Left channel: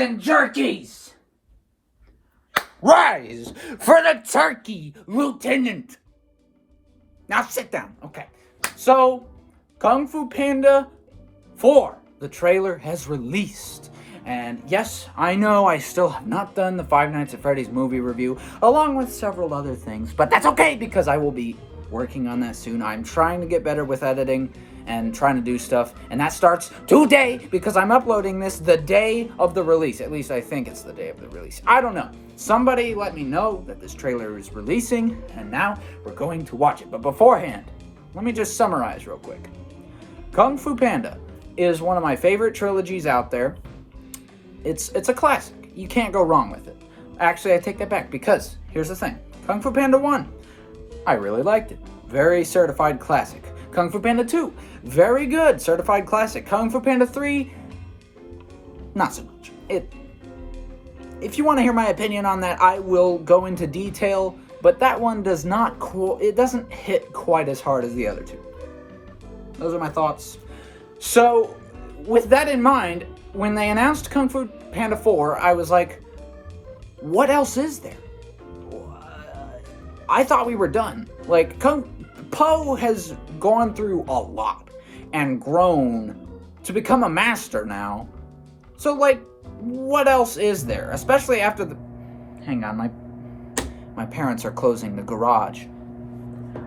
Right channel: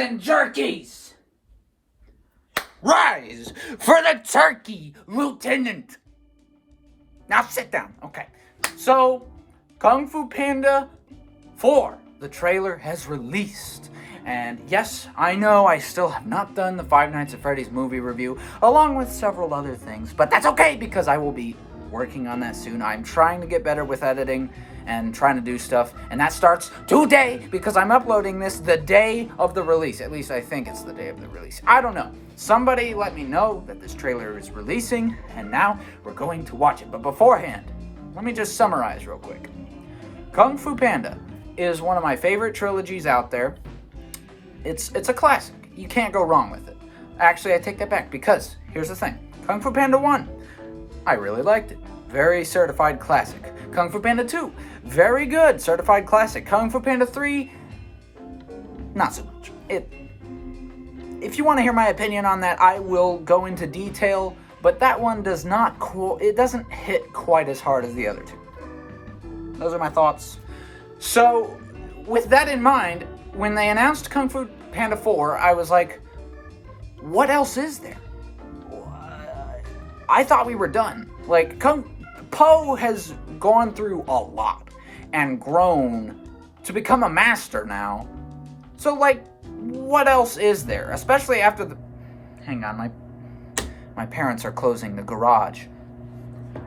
and jerkies! Rise for the turkey, Lieutenant! Now sit down. Okay. So, Kung Fu Panda 4, the trailer has released. And yes, I know I still have not done the Five Nights at Freddy's movie review, along with several other things, but that's okay because I will be working on that soon. I'm trying to get better with editing and trying to do stuff, and that starts today because I'm uploading this the day of the release. At least I think it's the day of the release. I don't know. Somebody let me know that this trailer is releasing, and now we're going to watch it. But beforehand, let me just summarize real quick. Kung Fu Panda is one of my favorite trilogies out there. It's a classic. You can't go wrong with it. Actually, I take that back because here's the thing. Kung Fu Panda 1, I really liked it. Very certified classic. Kung Fu Panda 2, very good, certified classic. Kung Fu Panda 3, not so much. If you want to hear my opinion on that, I will go into detail, but that one does not, it doesn't hit quite as hard as the other two. Those are my thoughts. So, with that in mind, when they announced Kung Fu Panda 4, I was like, what else is there? I thought we were done. Like, Po has gone through a lot and grown to become a master now. So, like, what else is there? Especially after the... Hang on, my parents are closing the garage.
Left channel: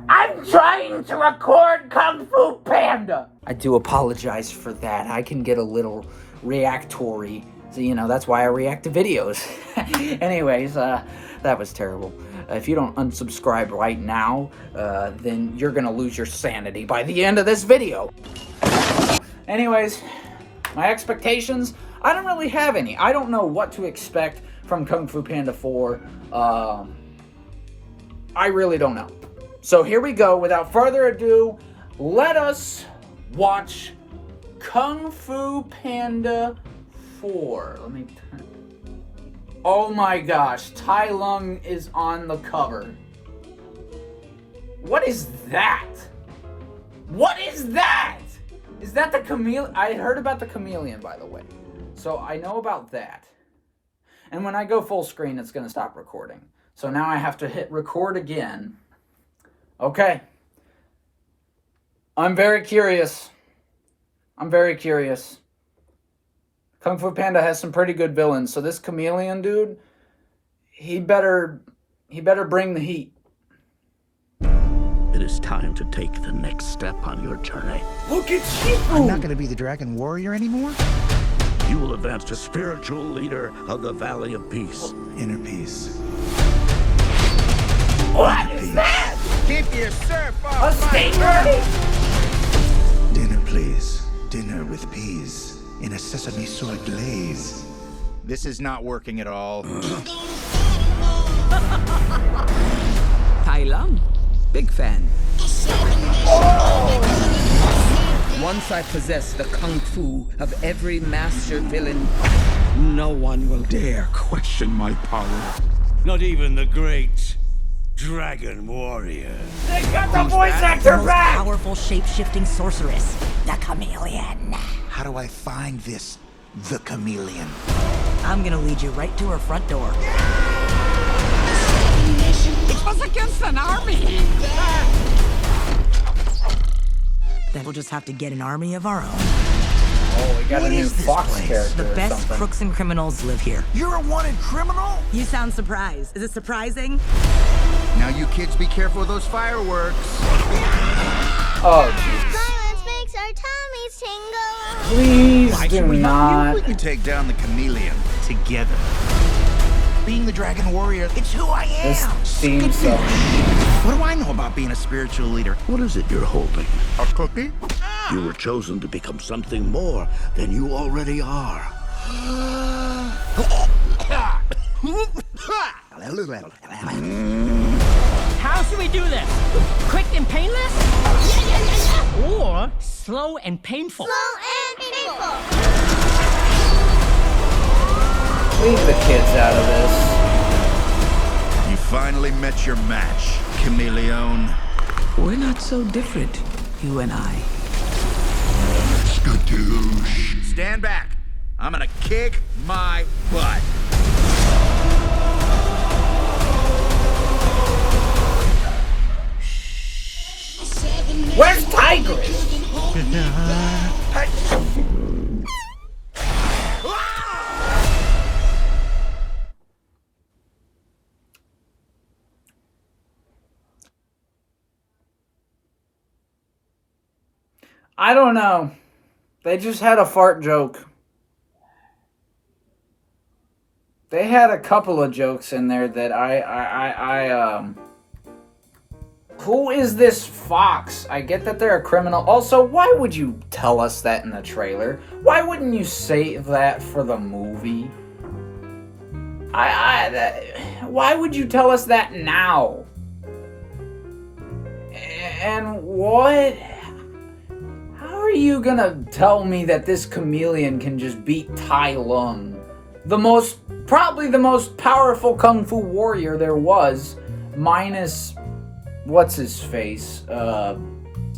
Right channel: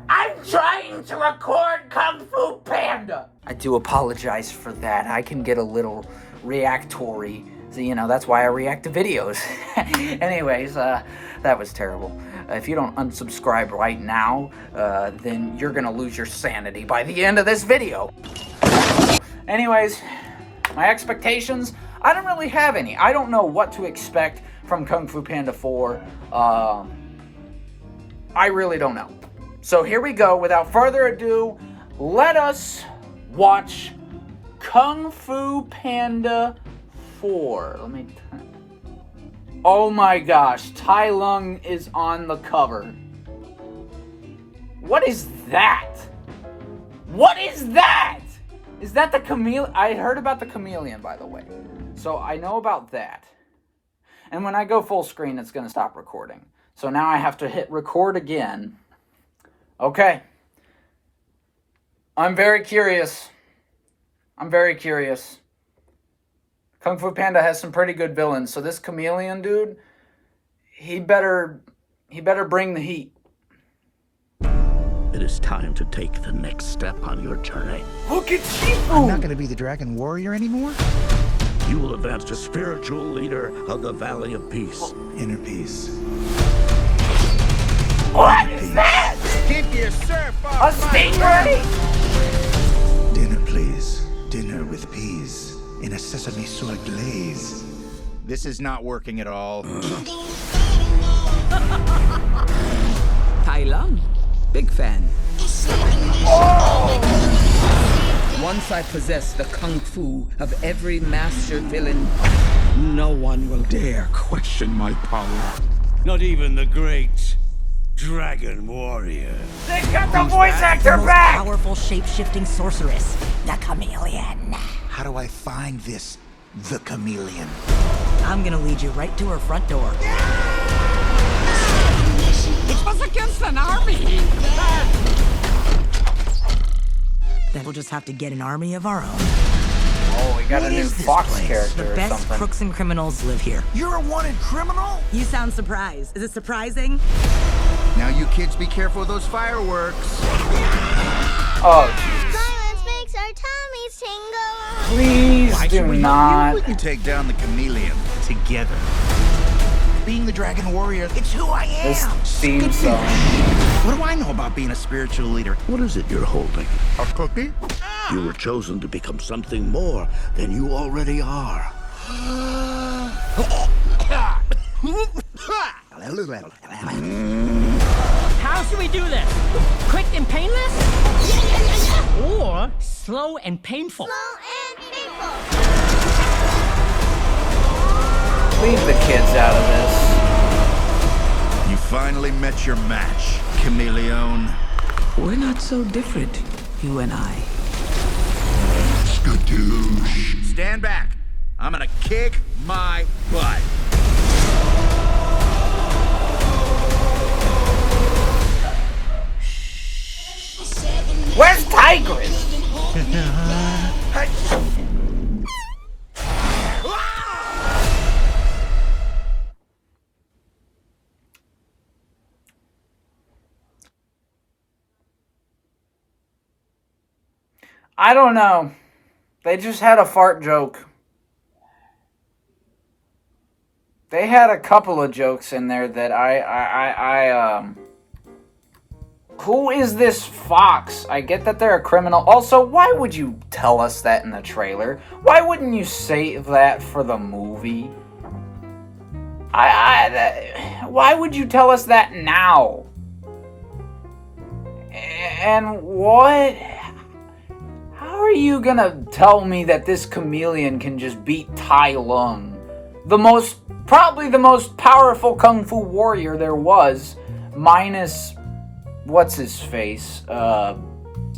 I'm trying to record Kung Fu Panda! I do apologize for that. I can get a little reactory. So, you know, that's why I react to videos. Anyways, that was terrible. If you don't unsubscribe right now, then you're gonna lose your sanity by the end of this video. Anyways, my expectations, I don't really have any. I don't know what to expect from Kung Fu Panda 4. I really don't know. So here we go. Without further ado, let us watch Kung Fu Panda 4. Let me turn. Oh my gosh, Tai Lung is on the cover. What is that? What is that? Is that the chameleon? I heard about the chameleon, by the way. So I know about that. And when I go full screen, it's going to stop recording. So now I have to hit record again. Okay. I'm very curious. Kung Fu Panda has some pretty good villains, so this chameleon dude, he better bring the heat. It is time to take the next step on your journey. Look at Shifu! I'm not gonna be the Dragon Warrior anymore? You will advance to spiritual leader of the Valley of Peace. Inner peace. What Inner is peace. that? Keep your surf A off my stinger? Dinner, please. Dinner with peas. In a sesame soy glaze. This is not working at all. Tai Lung, big fan. Once I possess the kung fu of every master villain, no one will dare question my power. Not even the great Dragon Warrior. They got the voice actor The most back! powerful shape-shifting sorceress, the chameleon. How do I find this, the chameleon? I'm gonna lead you right to her front door. It was against an army! Then we'll just have to get an army of our own. Oh, we got What a new is this Fox place? character The or best something. crooks and criminals live here. You're a wanted criminal? You sound surprised. Is it surprising? Now you kids be careful of those fireworks. Oh, jeez. Violence makes our tummies tingle. Please Why should do we help not. you? We can take down the chameleon together. Being the Dragon Warrior, it's who I This am. seems so. What do I know about being a spiritual leader? What is it you're holding? A cookie? You were chosen to become something more than you already are. How should we do this? Quick and painless? Or slow and painful? Slow and painful. Leave the kids out of this. You finally met your match, chameleon. We're not so different, you and I. Skadoosh. Stand back. I'm gonna kick my butt. Where's Tigris? I don't know. They just had a fart joke. They had a couple of jokes in there that who is this Fox? I get that they're a criminal. Also, why would you tell us that in the trailer? Why wouldn't you save that for the movie? Why would you tell us that now? And what? How are you gonna tell me that this chameleon can just beat Tai Lung? Probably the most powerful kung fu warrior there was, minus what's his face.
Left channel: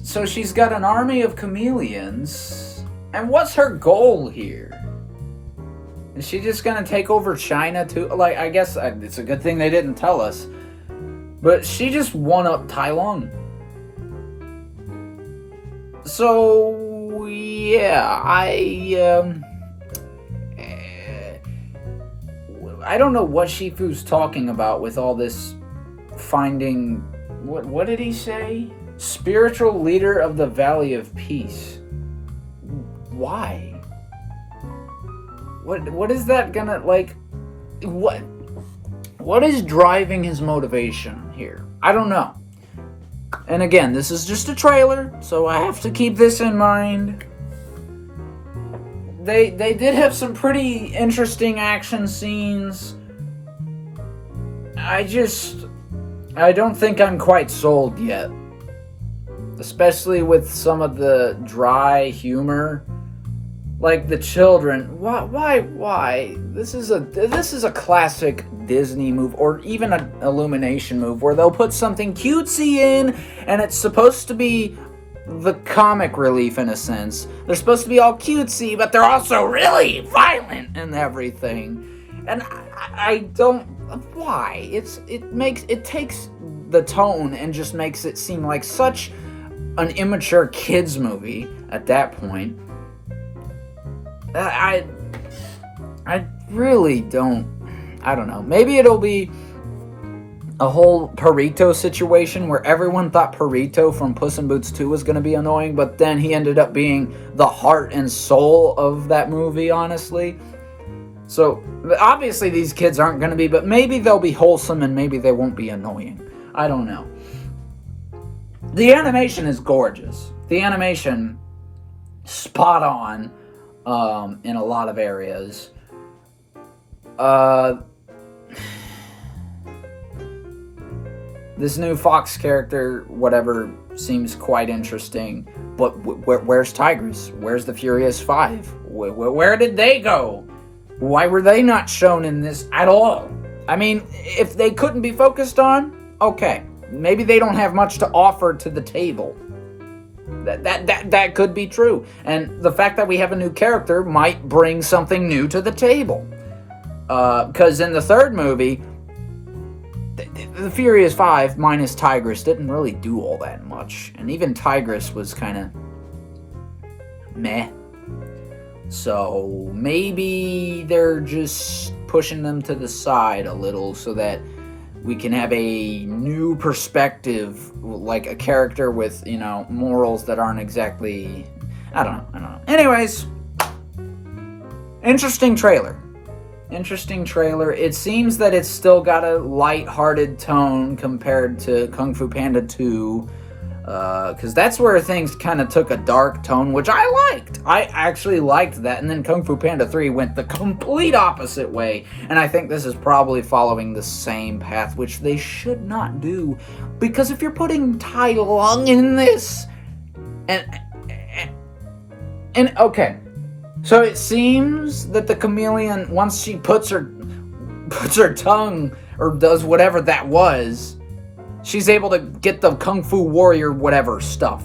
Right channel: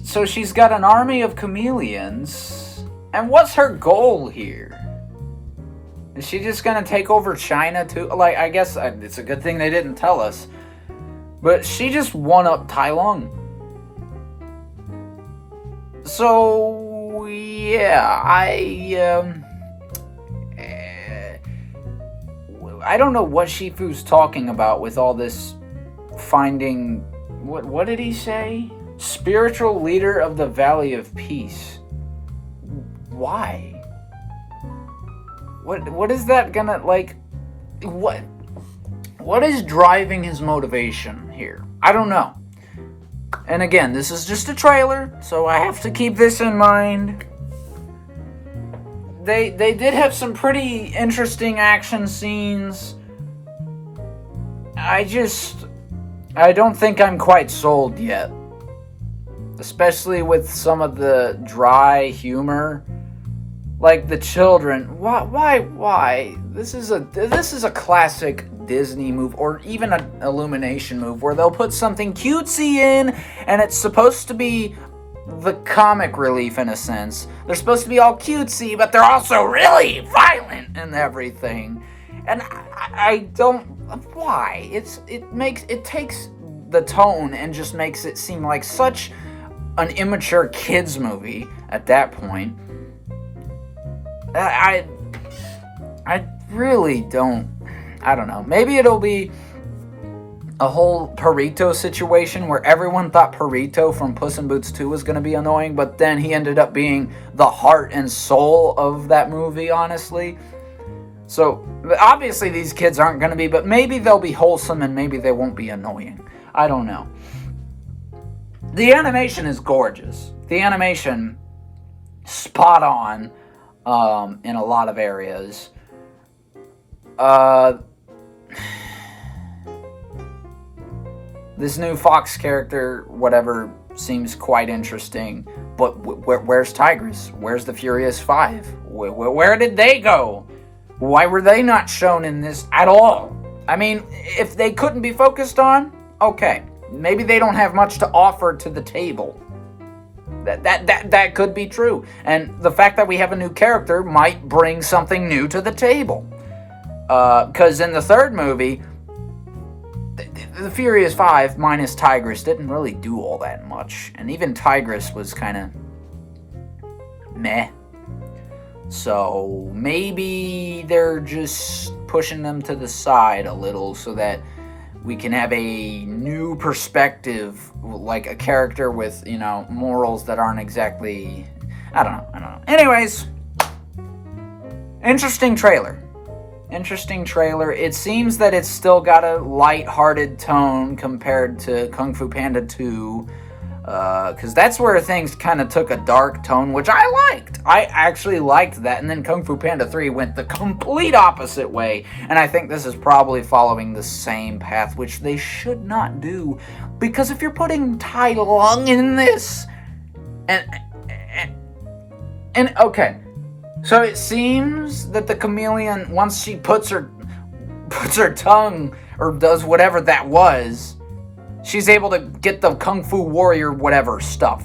So she's got an army of chameleons, and what's her goal here? Is she just gonna take over China too? Like, I guess it's a good thing they didn't tell us, but she just won up Tai Lung. So yeah, I don't know what Shifu's talking about with all this finding. What did he say? Spiritual leader of the Valley of Peace. Why? What is that gonna, like, what is driving his motivation here? I don't know. And again, this is just a trailer, so I have to keep this in mind. They did have some pretty interesting action scenes. I don't think I'm quite sold yet. Especially with some of the dry humor. Like the children. Why? This is a classic Disney move, or even an Illumination move, where they'll put something cutesy in, and it's supposed to be the comic relief in a sense. They're supposed to be all cutesy, but they're also really violent and everything. And I don't. Why? It takes the tone and just makes it seem like such an immature kids movie at that point. I really don't. I don't know. Maybe it'll be a whole Perito situation where everyone thought Perito from Puss in Boots 2 was going to be annoying, but then he ended up being the heart and soul of that movie, honestly. So, obviously these kids aren't going to be, but maybe they'll be wholesome and maybe they won't be annoying. I don't know. The animation is gorgeous. The animation, spot on in a lot of areas. This new Fox character, whatever, seems quite interesting. But where's Tigris? Where's the Furious Five? Where did they go? Why were they not shown in this at all? I mean, if they couldn't be focused on, okay. Maybe they don't have much to offer to the table. That could be true. And the fact that we have a new character might bring something new to the table. Because in the third movie, the Furious Five minus Tigris didn't really do all that much. And even Tigris was kind of meh. So maybe they're just pushing them to the side a little so that we can have a new perspective, like a character with, morals that aren't exactly... I don't know. Anyways, interesting trailer. It seems that it's still got a light-hearted tone compared to Kung Fu Panda 2, because that's where things kind of took a dark tone, which I liked. I actually liked that, and then Kung Fu Panda 3 went the complete opposite way, and I think this is probably following the same path, which they should not do, because if you're putting Tai Lung in this, and okay, so it seems that the chameleon, once she puts her tongue, or does whatever that was, she's able to get the Kung Fu Warrior whatever stuff.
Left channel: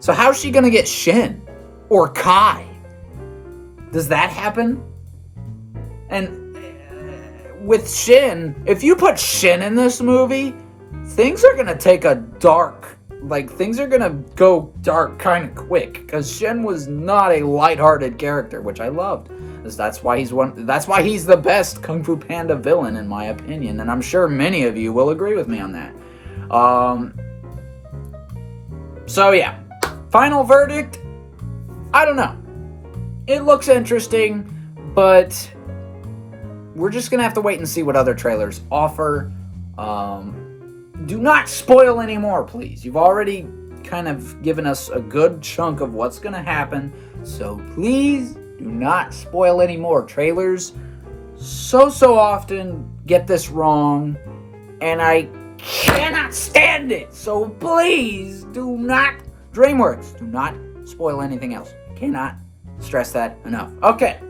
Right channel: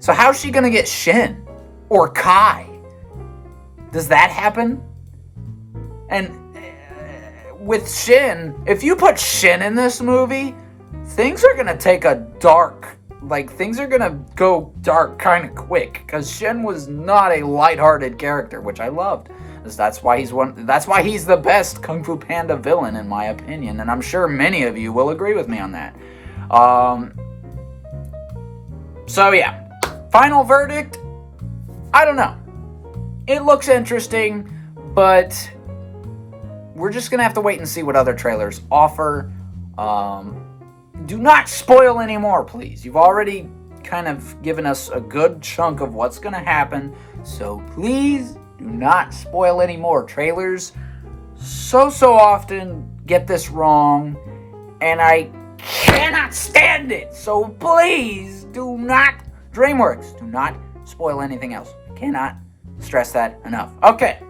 So how's she gonna get Shin? Or Kai? Does that happen? And with Shin, if you put Shin in this movie, things are gonna take a dark, things are gonna go dark kind of quick, because Shin was not a lighthearted character, which I loved. That's why he's the best Kung Fu Panda villain, in my opinion, and I'm sure many of you will agree with me on that. So yeah, final verdict, I don't know. It looks interesting, but we're just gonna have to wait and see what other trailers offer. Do not spoil anymore, please. You've already kind of given us a good chunk of what's gonna happen, so please do not spoil any more. Trailers so often get this wrong, and I cannot stand it. So please do not, DreamWorks, do not spoil anything else. Cannot stress that enough. Okay,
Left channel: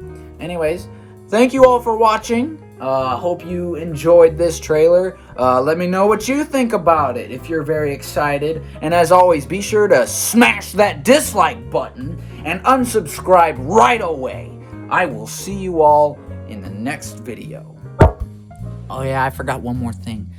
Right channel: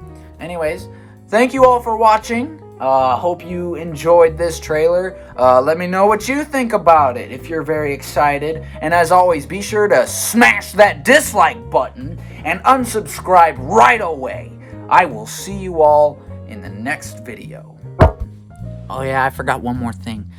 anyways, thank you all for watching. Hope you enjoyed this trailer. Let me know what you think about it if you're very excited. And as always, be sure to smash that dislike button and unsubscribe right away. I will see you all in the next video. Oh yeah, I forgot one more thing.